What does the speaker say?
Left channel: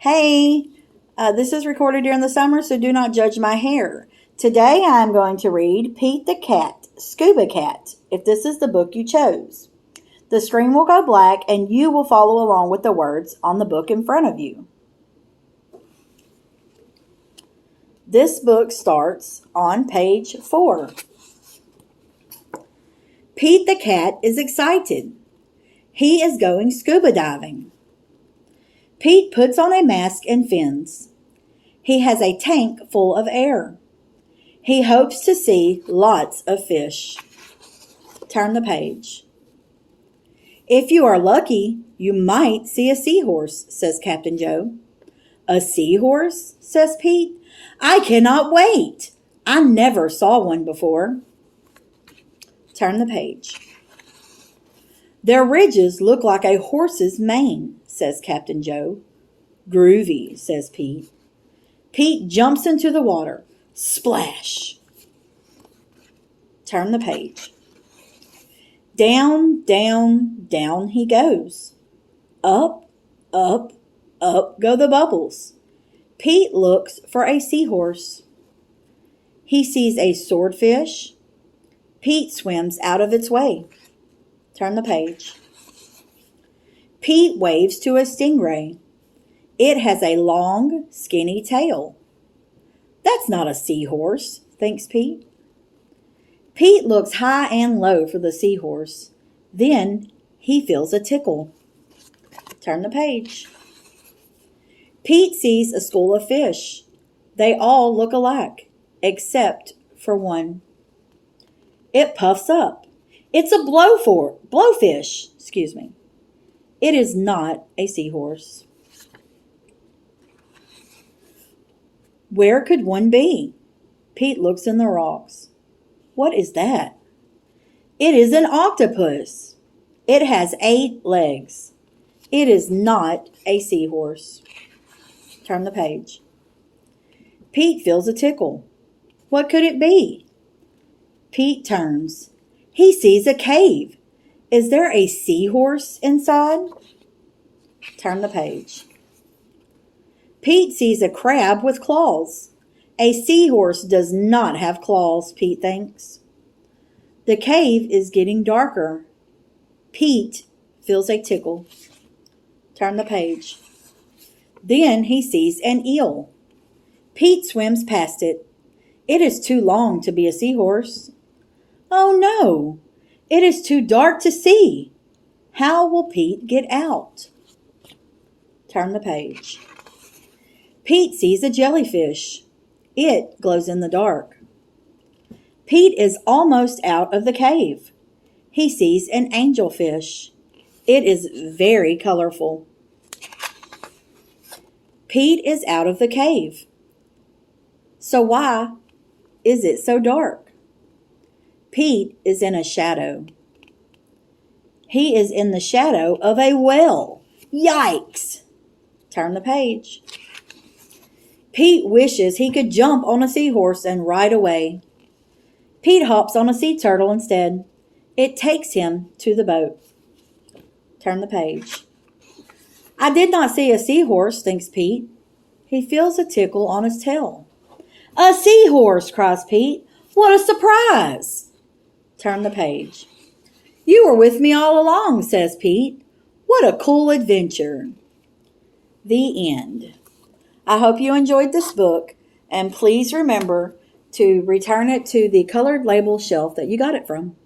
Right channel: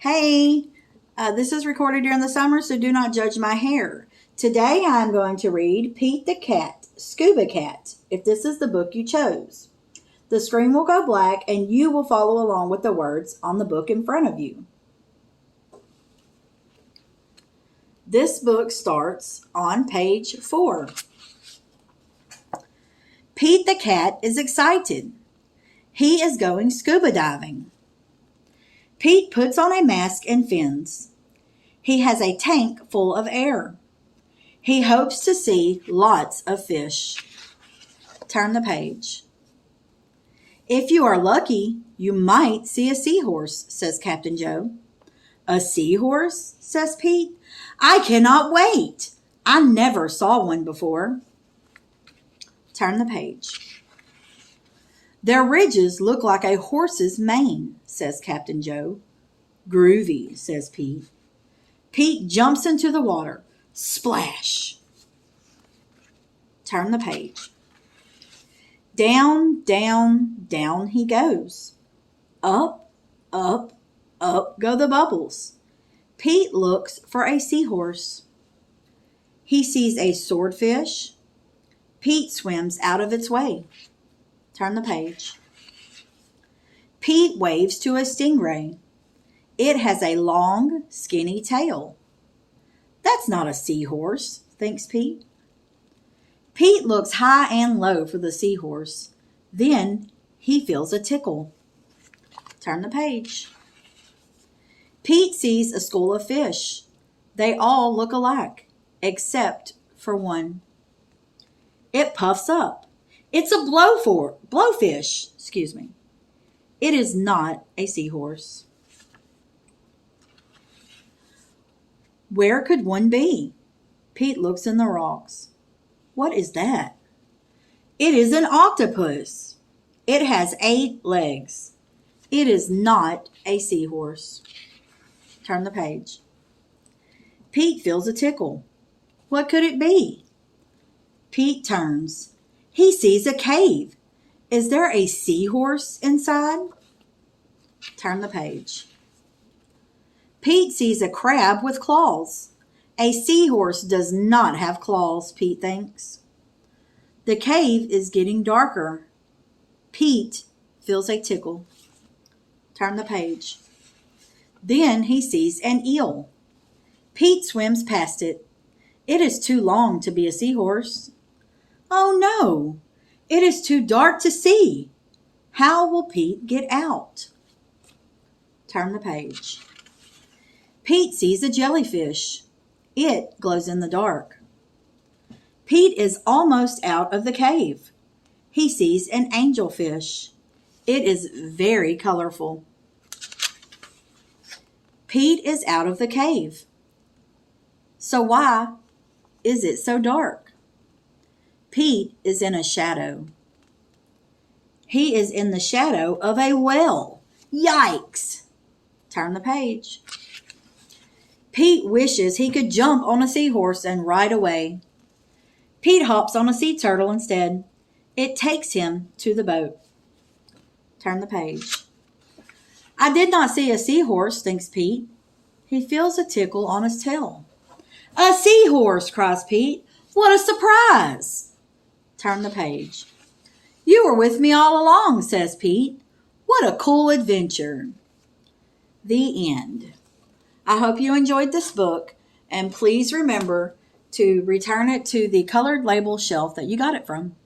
Hey, this is recorded during the summer, so do not judge my hair. Today I'm going to read Pete the Cat, Scuba-Cat, if this is the book you chose. The screen will go black and you will follow along with the words on the book in front of you. This book starts on page 4. Pete the Cat is excited. He is going scuba diving. Pete puts on a mask and fins. He has a tank full of air. He hopes to see lots of fish. Turn the page. If you are lucky, you might see a seahorse, says Captain Joe. A seahorse, says Pete. I cannot wait. I never saw one before. Turn the page. Their ridges look like a horse's mane, says Captain Joe. Groovy, says Pete. Pete jumps into the water. Splash! Turn the page. Down, down, down he goes. Up, up, up go the bubbles. Pete looks for a seahorse. He sees a swordfish. Pete swims out of its way. Turn the page. Pete waves to a stingray. It has a long, skinny tail. That's not a seahorse, thinks Pete. Pete looks high and low for the seahorse. Then he feels a tickle. Turn the page. Pete sees a school of fish. They all look alike, except for one. It puffs up. It's a blowfish. It is not a seahorse. Where could one be? Pete looks in the rocks. What is that? It is an octopus. It has 8 legs. It is not a seahorse. Turn the page. Pete feels a tickle. What could it be? Pete turns. He sees a cave. Is there a seahorse inside? Turn the page. Pete sees a crab with claws. A seahorse does not have claws, Pete thinks. The cave is getting darker. Pete feels a tickle. Turn the page. Then he sees an eel. Pete swims past it. It is too long to be a seahorse. Oh no, it is too dark to see. How will Pete get out? Turn the page. Pete sees a jellyfish. It glows in the dark. Pete is almost out of the cave. He sees an angelfish. It is very colorful. Pete is out of the cave. So why is it so dark? Pete is in a shadow. He is in the shadow of a well. Yikes! Turn the page. Pete wishes he could jump on a seahorse and ride away. Pete hops on a sea turtle instead. It takes him to the boat. Turn the page. I did not see a seahorse, thinks Pete. He feels a tickle on his tail. A seahorse, cries Pete. What a surprise! Turn the page. You were with me all along, says Pete. What a cool adventure. The end. I hope you enjoyed this book, and please remember to return it to the colored label shelf that you got it from.